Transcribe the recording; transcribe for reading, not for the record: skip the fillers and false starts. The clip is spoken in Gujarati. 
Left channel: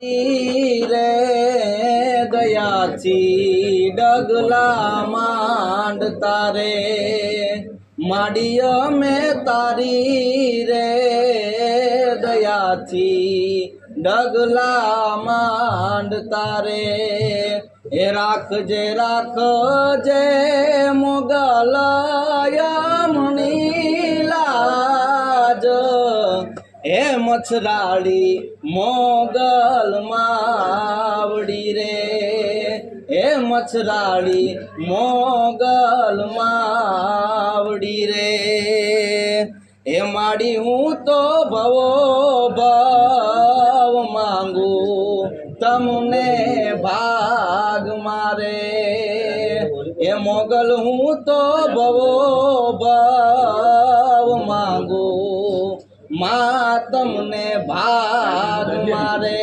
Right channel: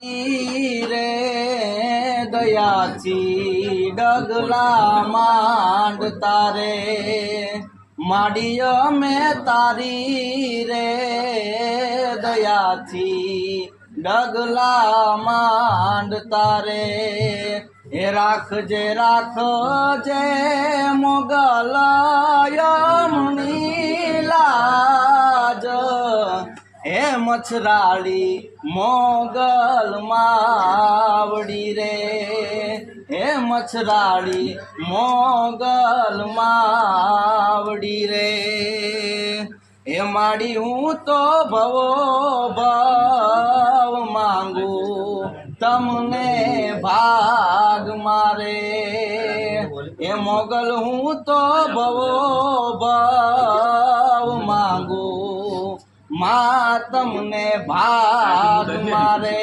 રે દયાથી ડગલા માંડતા રે માડીય મેં તારી રે દયાથી ડગલા માંડતા રે એ રાખજે રાખજે મોગલ યમની લાજ હે મચ્છરાળી મોગલ માવડી રે હે મચ્છરાળી મોગલ માવડી રે હે માડી હું તો ભવો ભાવ માંગુ તમને ભાગ મારે એ મોગલ હું તો ભવો ભાવ માંગુ માં તમને ભાગ મારે